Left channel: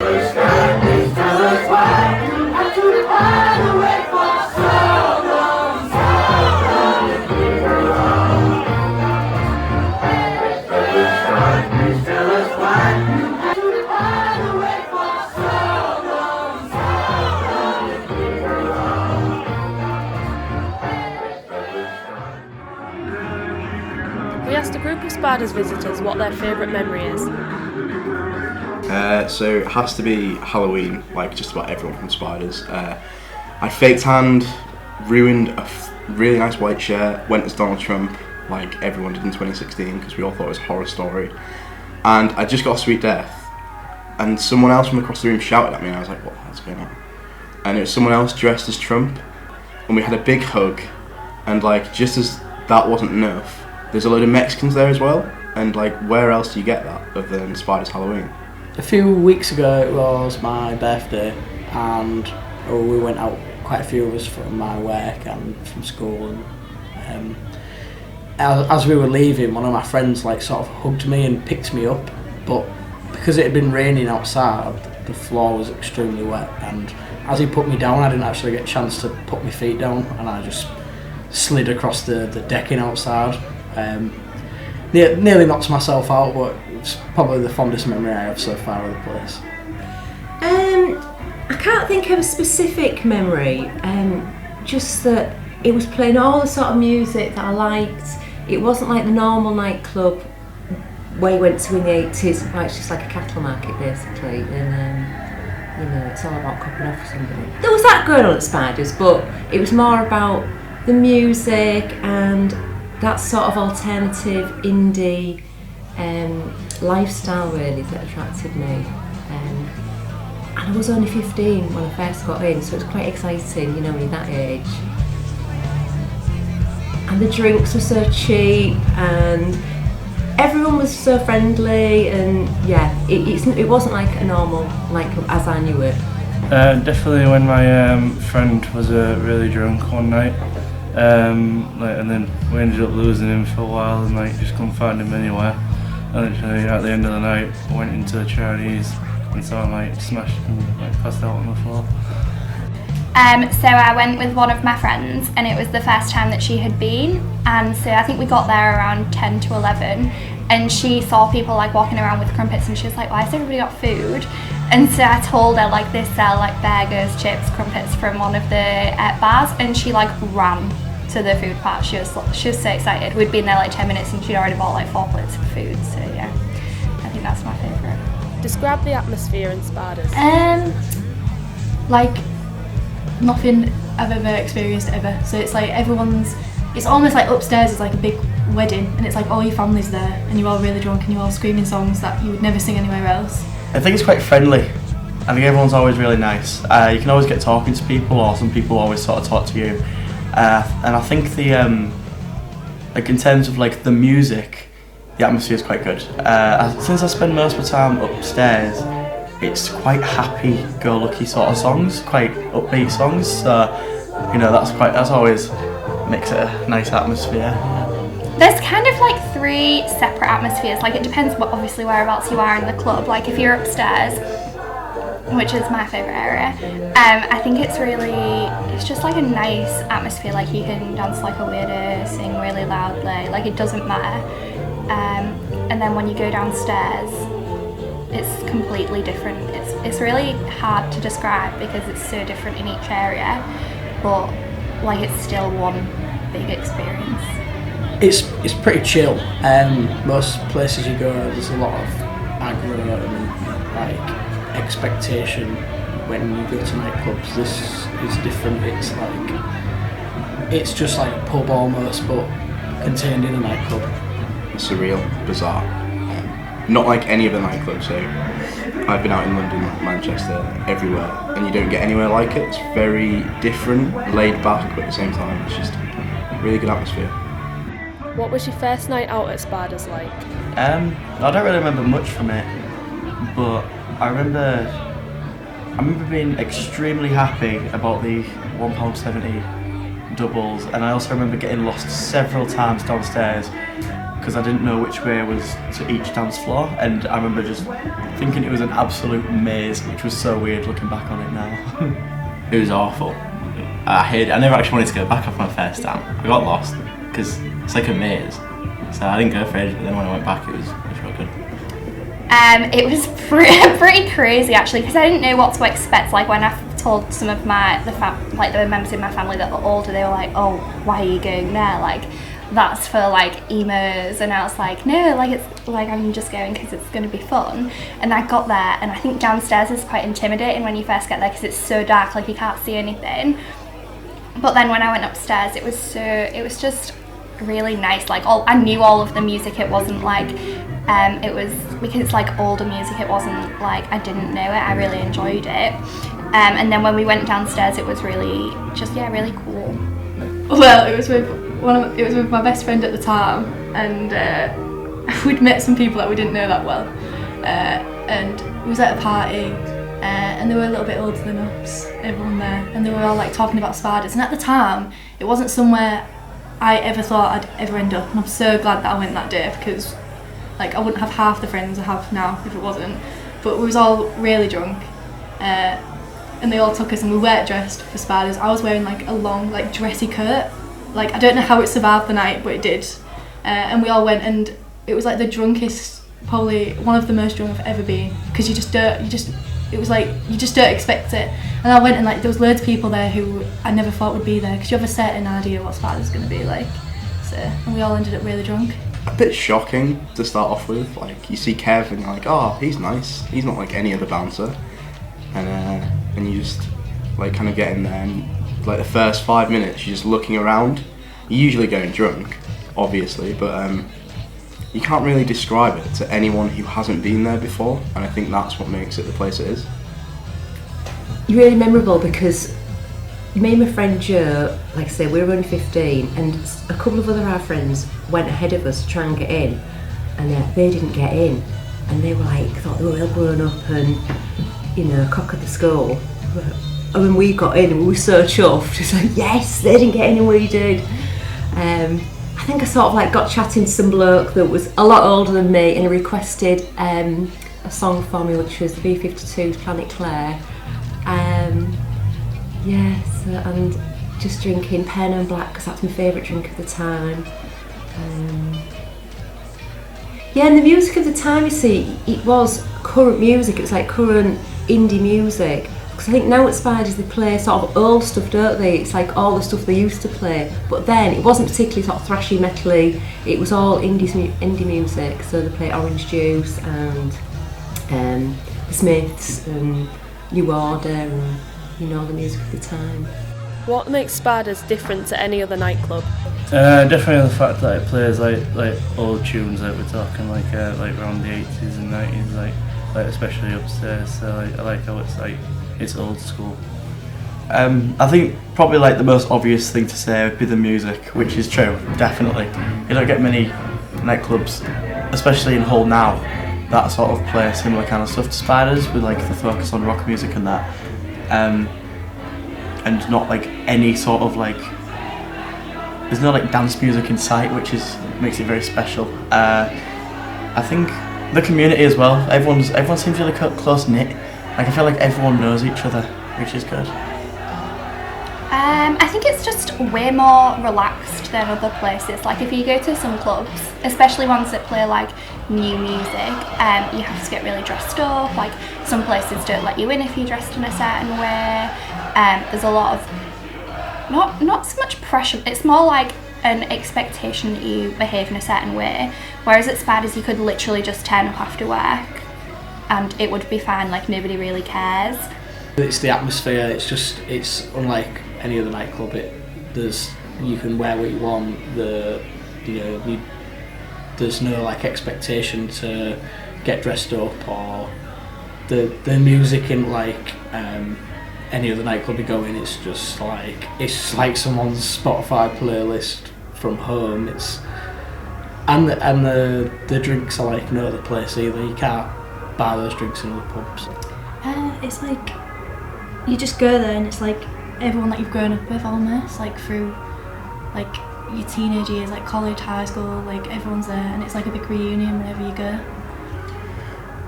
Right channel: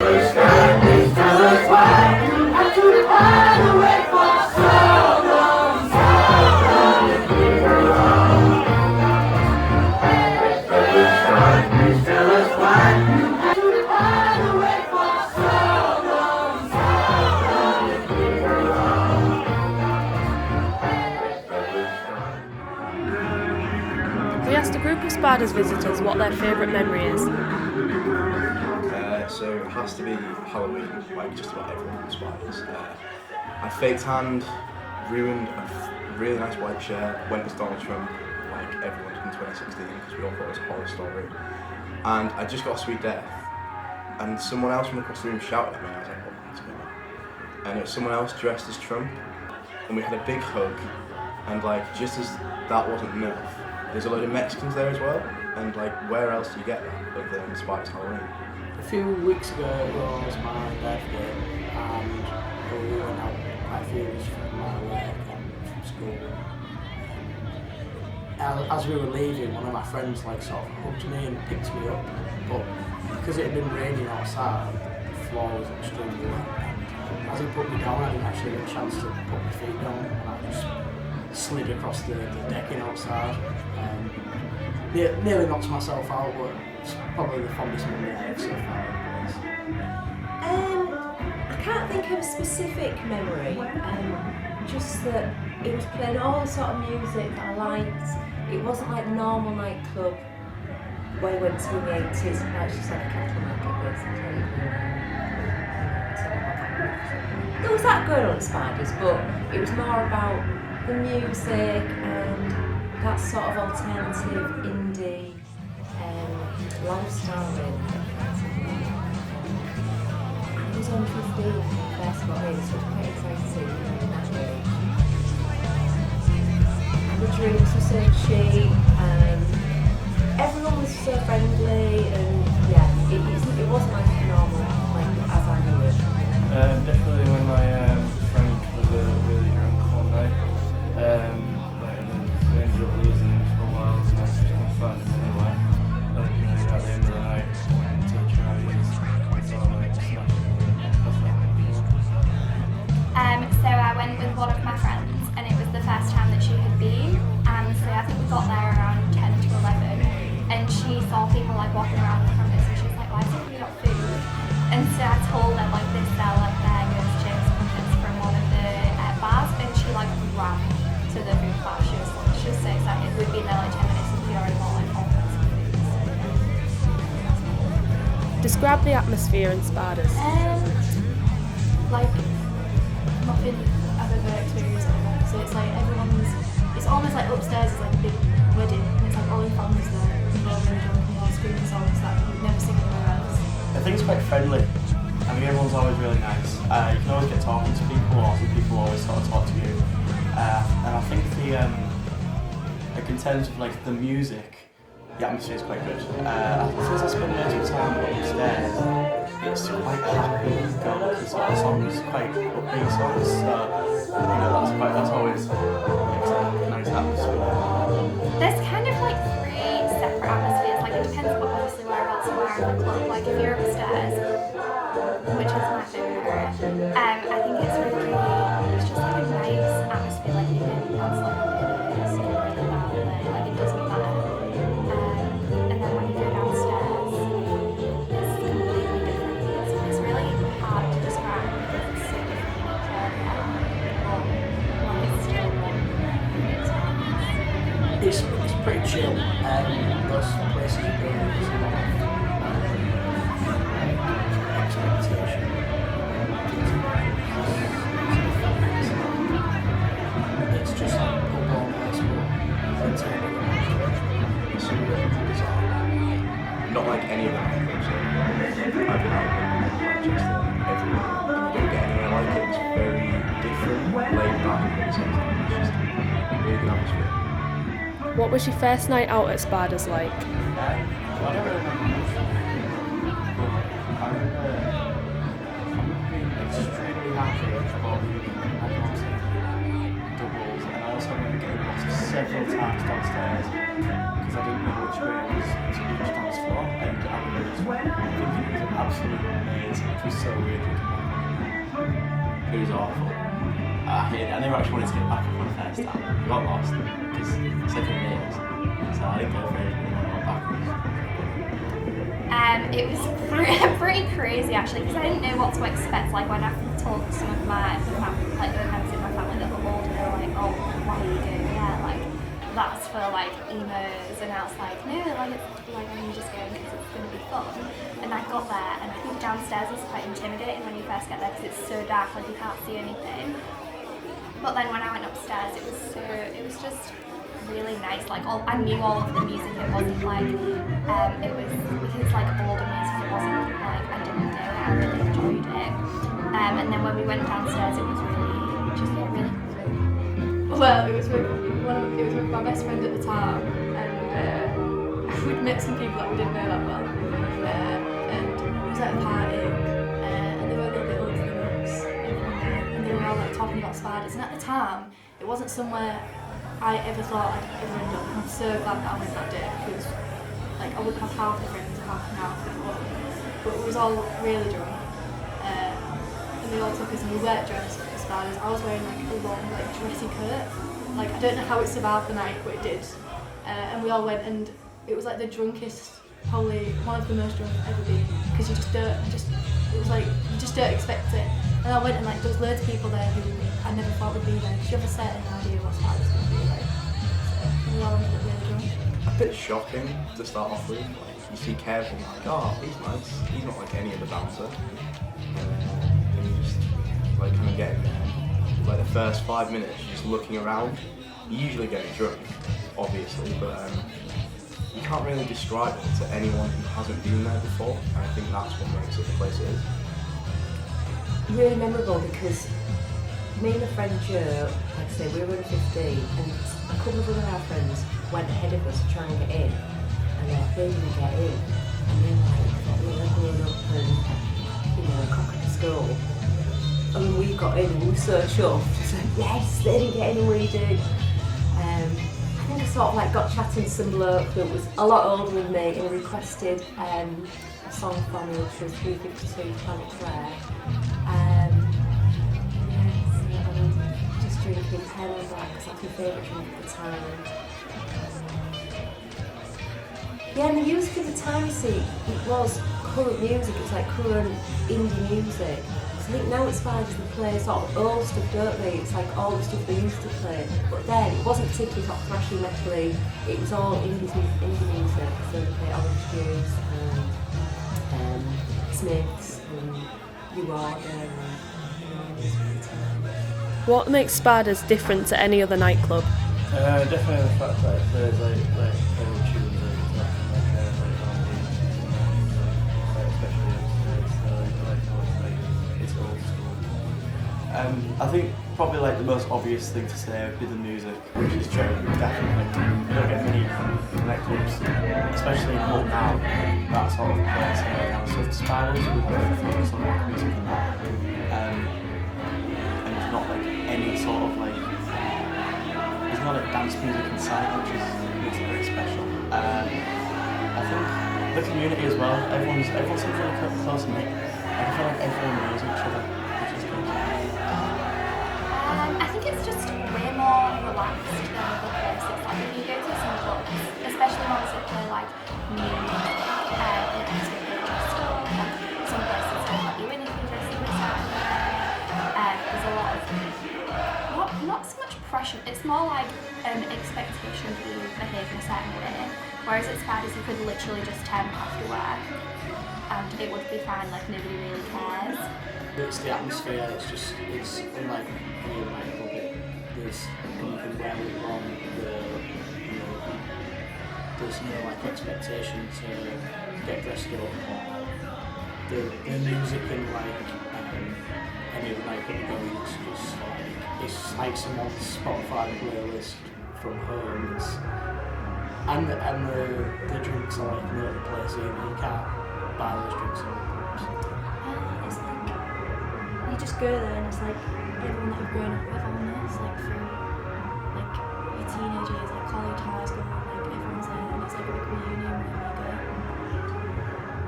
Please tell us why you have to hide away for so long, Please tell us why you have to hide away for so We asked a group of Spiders visitors what their favourite memory is. So it has to be Halloween, like just about everyone from Spiders. I faked hand, ruined a really nice white shirt, went as Donald Trump, like everyone did in 2016, because we all thought it was a horror story. And I just got a sweet death, and someone else from across the room shouted at me, and I was like, what's going on? And it was someone else dressed as Trump, and we had a big hug, and like just as that wasn't enough, there's a load of Mexicans there as well, and like where else do you get that other than Spiders Halloween? A few weeks ago it was my birthday and we went out, quite a few of us from my work and from school. And, as we were leaving, one of my friends like sort of hugged me and picked me up, but because it had been raining outside, the floor was extremely wet, and as he put me down I didn't actually get a chance to put my feet down, and I just slid across the decking outside. Nearly knocked myself out, but it's probably the fondest memory I have so far of the place. I can't think of a specific memory, just that it was playing all the sort of music that I liked. It wasn't like the normal nightclub where you went to in the 80s, like it's just like a cattle market basically, and it's all about cooking off or something. There was that going on at Spiders, but it was more about the music and that sort of alternative indie lifestyle really that attracted me. And I was only 15 when I first got in, so it was quite exciting, you know, at that age. And the drinks were so cheap, and everyone was so friendly, and yeah, it wasn't like a normal, like as I knew it. Definitely when my friend was really drunk one night. And then we ended up losing him for a while and like just couldn't find him anywhere. And literally at the end of the night went into Chinese and saw him like smashed and passed out on the floor. So I went with one of my friends and it was the first time that she had been, and so I think we got there around 10 to 11 and she saw people like walking around with crumpets and she was like, why has everybody got food? And so I told her like they sell like burgers, chips, crumpets from one of the bars, and she like ran to the food part. She was so excited. We'd been there like 10 minutes and she'd already bought like 4 plates of food, so yeah, I think that's my favourite. Describe the atmosphere in Spiders. Like nothing I've ever experienced ever. So it's like it's almost like upstairs is like a big wedding, and it's like all your family's there and you're all really drunk and you're all screaming songs that you would never sing anywhere else. I think it's quite friendly. I think everyone's always really nice. You can always get talking to people, or some people always sort of talk to you. And I think the like in terms of like the music, the atmosphere is quite good. Since I spend most of the time upstairs, it's quite happy-go-lucky sort of songs, quite upbeat songs. So you know that's always makes it a nice atmosphere. There's kind of like 3 separate atmospheres. Like it depends obviously whereabouts you are in the club. Like if you're upstairs, which is my favourite area, I think it's just like a nice atmosphere. Like you can dance like a lady, sing really loudly, like it doesn't matter. And then when you go downstairs, it's completely different. It's really hard to describe because it's so different in each area, but like it's still one big experience. It's pretty chill. Most places you go, there's a lot of expectation when you go to nightclubs. This is different. It's just like a pub almost, but contained in a nightclub. Surreal, bizarre. Not like any of the nightclubs. I've been out in London, Manchester, everywhere, and you don't get anywhere like it. It's very different, laid back, but at the same time, it's just a really good atmosphere. What was your first night out at Spiders like? I don't really remember much from it, but I remember being extremely happy about the £1.70 doubles, and I also remember getting lost several times downstairs because I didn't know which way was to each dance floor, and I remember just thinking it was an absolute maze, which was so weird looking back on it now. It was awful. I hated it. I never actually wanted to go back after my first time. We got lost because it's like a maze. So I didn't go for it, and then when I went back it was real good. It was pretty crazy actually, because I didn't know what to expect. Like when I told some of the members in my family that were older, they were like, "Oh, why are you going there? Like that's for like emos." And I was like, "No, like it's like I'm just going because it's going to be fun." And I got there, and I think downstairs is quite intimidating when you first get there because it's so dark, like you can't see anything. But then when I went upstairs, it was just really nice. Like I knew all of the music. It wasn't like it was because it's like older music. It wasn't like I didn't know it. I really enjoyed it. And then when we went downstairs, it was really really cool. Well, it was with my best friend at the time, and we'd met some people that we didn't know that well, and we was at a party, and they were a little bit older than us, everyone there, and they were all like talking about spiders. And at the time, it wasn't somewhere I ever thought I'd ever end up, and I'm so glad that I went that day because like I wouldn't have half the friends I have now if it wasn't. But we was all really drunk, and they all took us, and we weren't dressed for spiders. I was wearing like a long like dressy coat. Like I don't know how it survived the night, but it did. And we all went, and it was like the drunkest, probably one of the most drunk I've ever been, because it was like you just don't expect it. And I went, and like there was loads of people there who I never thought would be there, because you have a certain idea what spiders going to be like. So and we all ended up really drunk. A bit shocking to start off with. Like you see Kev and you're like, oh, he's nice. He's not like any other dancer. And you just like kind of get in there, and like the first 5 minutes you're just looking around. You're usually going drunk, obviously, but you can't really describe it to anyone who hasn't been there before, and I think that's what makes it the place it is. Really memorable because me and my friend Joe, like I say, we were only 15, and a couple of other our friends went ahead of us to try and get in, and they didn't get in, and they were like, thought they were all grown up and, you know, cock of the skull. And when we got in, we were so chuffed. It's like, yes, they didn't get in and we did. I think I sort of like got chatting to some bloke that was a lot older than me, and he requested a song for me, which was B-52's Planet Claire. And just drinking Pen and Black because that's my favourite drink at the time. And the music of the time, you see, it was current music. It was like current indie music. Because I think now at Spiders they play sort of old stuff, don't they? It's like all the stuff they used to play. But then it wasn't particularly sort of thrashy, metally. It was all indie music. So they play Orange Juice and Smiths and New Order and, you know, the music of the time. What makes Spiders different to any other nightclub? Definitely the fact that it plays like old tunes that we're talking like around the 80s and 90s, like especially upstairs. So I like how it's old school. I think probably like the most obvious thing to say would be the music, which is true, definitely. You don't get many nightclubs, especially in Hull now, that sort of play similar kind of stuff to Spiders, with like the focus on rock music and that. And not like any sort of like, there's no like dance music in sight, which makes it very special. I think the community as well, everyone seems really close knit. Like I feel like everyone knows each other, which is good. I think it's just way more relaxed than other places. Like if you go to some clubs, especially ones that play like new music, you have to get really dressed up. Like some places don't let you in if you're dressed in a certain way. There's a lot of not so much pressure. It's more like an expectation that you behave in a certain way. Whereas at Spiders, you could literally just turn up after work, and it would be fine. Like nobody really cares. It's the atmosphere. It's unlike any other nightclub. You can wear what you want. There's no like expectation to get dressed up, or the music in like any other nightclub you go in. It's like someone's Spotify playlist from home. And the drinks are like no other place either. You can't buy those drinks in the pubs. It's like you just go there, and it's like everyone that you've grown up with almost, like through like your teenage years, like college, high school, like everyone's there, and it's like a big reunion wherever you go.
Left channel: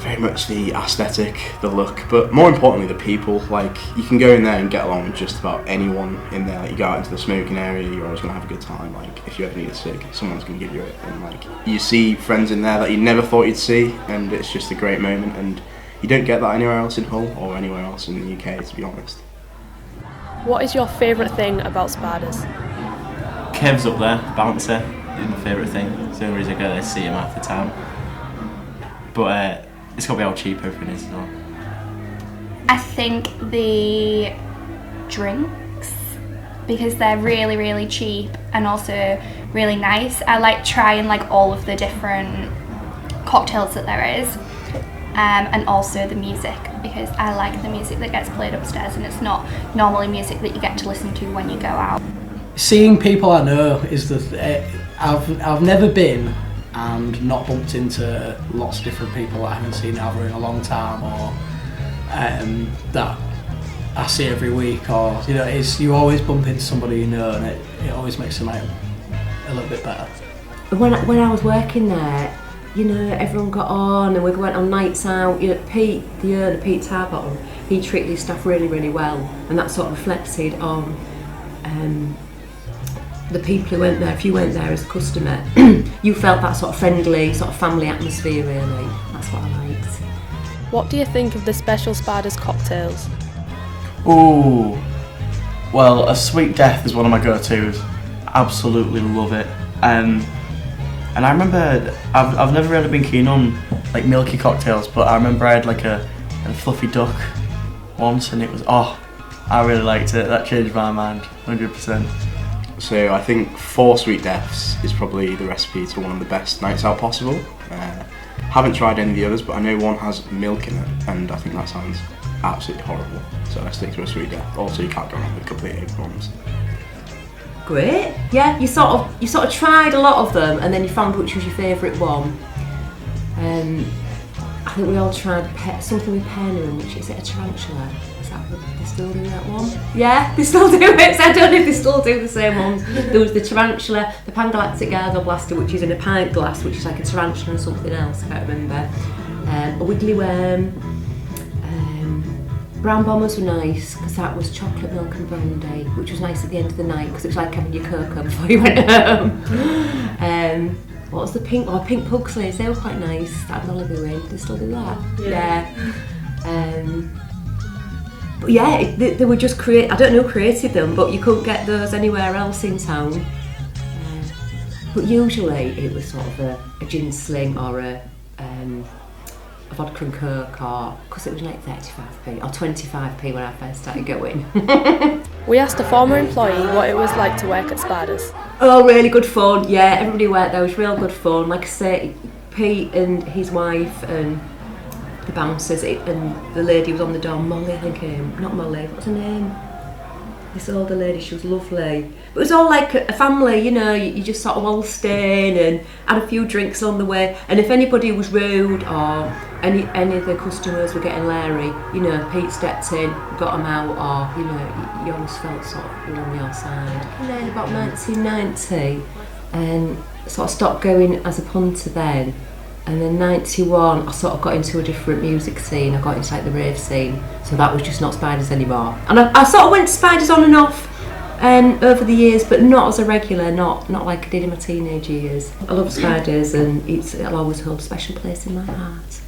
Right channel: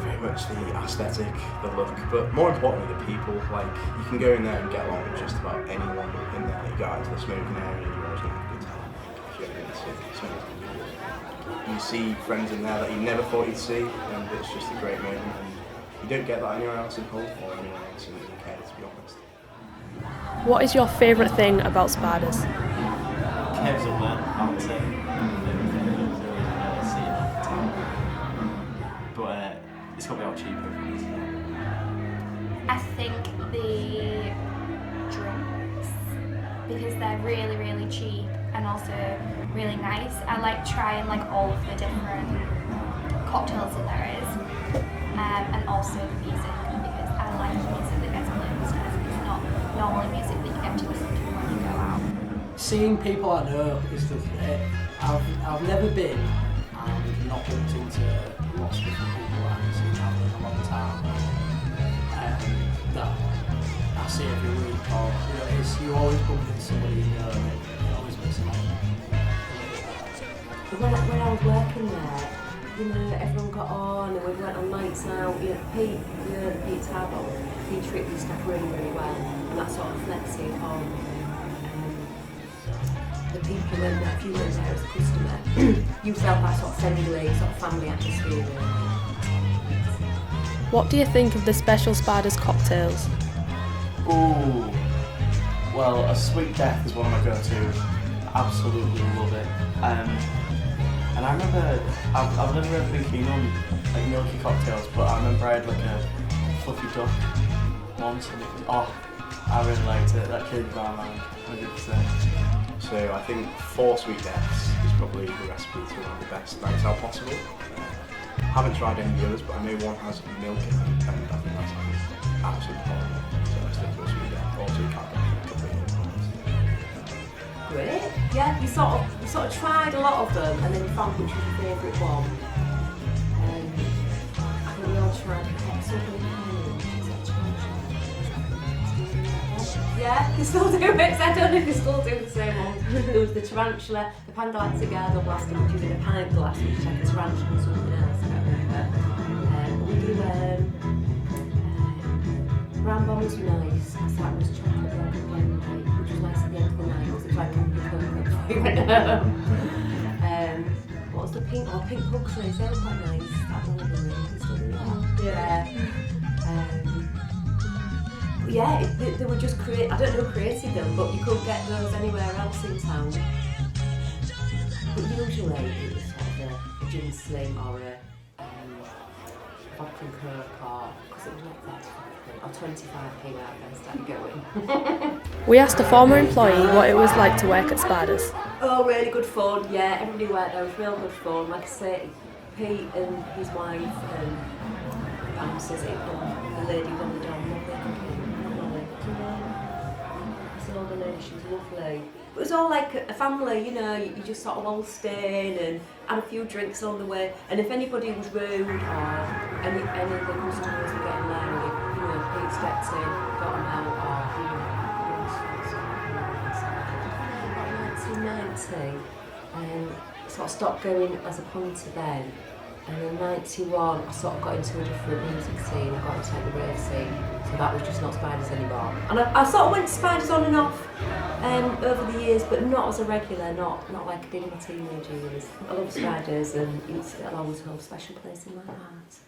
Very much the aesthetic, the look, but more importantly the people. Like, you can go in there and get along with just about anyone in there. You go out into the smoking area, you're always going to have a good time. Like, if you ever need sick, someone's going to give you a like, you see friends in there that you never thought you'd see, and it's just a great moment, and you don't get that anywhere else in Hull or anywhere else in the UK, to be honest. What is your favourite thing about Spiders? Kev's up there, bouncer, favourite thing. It's the only reason I go there to see him half the time. But it's got to be all cheap, everything is. I think the drinks, because they're really, really cheap and also really nice. I like trying like all of the different cocktails that there is, and also the music, because I like the music that gets played upstairs, and it's not normally music that you get to listen to when you go out. Seeing people I know is that I've never been and not bumped into lots of different people that I haven't seen either in a long time, or that I see every week, or you always bump into somebody you know, and it always makes the night a little bit better. When I was working there, everyone got on and we went on nights out. Pete Tarbottle, he treated his staff really, really well, and that sort of reflected on the people who went there. If you went there as a customer, you felt that sort of friendly, sort of family atmosphere, really. That's what I liked. What do you think of the special Spiders cocktails? Ooh, well, a sweet death is one of my go-tos. Absolutely love it. And I remember, I've never really been keen on like milky cocktails, but I remember I had like a fluffy duck once, and it was, I really liked it. That changed my mind, 100%. So I think 4 sweet deaths is probably the recipe to one of the best nights out possible. Haven't tried any of the others, but I know one has milk in it, and I think that sounds absolutely horrible. So I stick to a sweet death. Also, you can't get a completely ones. Great. Yeah, you sort of tried a lot of them, and then you found which was your favourite one. I think we all tried something with pen, which is it a tarantula? Is that still doing that one? Yeah, they still do it. So I don't know if they still do the same one. There was the tarantula, the Pangalactic Gargle Blaster, which is in a pint glass, which is like a tarantula and something else. I can't remember. A wiggly worm. Brown bombers were nice because that was chocolate milk and brandy, which was nice at the end of the night because it was like having your cocoa before you went home. What was the pink? Oh, pink Pugsleys, they were quite nice. That Malibu, they still do that. Yeah. But yeah, they were just I don't know who created them, but you couldn't get those anywhere else in town. But usually it was sort of a gin sling or a vodka and coke, or because it was like 35p or 25p when I first started going. We asked a former employee what it was like to work at Spiders. Oh, really good fun. Yeah, everybody worked there. It was real good fun. Like I say, Pete and his wife and the bouncers and the lady was on the door, Molly, I think. Not Molly, what's her name? This older lady, she was lovely. It was all like a family, you just sort of all staying and had a few drinks on the way, and if anybody was rude or any of the customers were getting leery, Pete stepped in, got them out, or you always felt sort of on the outside. And then about 1990, sort of stopped going as a punter then, and then 91 I sort of got into a different music scene. I got into like the rave scene, so that was just not Spiders anymore. And I sort of went to Spiders on and off over the years, but not as a regular, not like I did in my teenage years. I love Spiders, and it'll always hold a special place in my heart.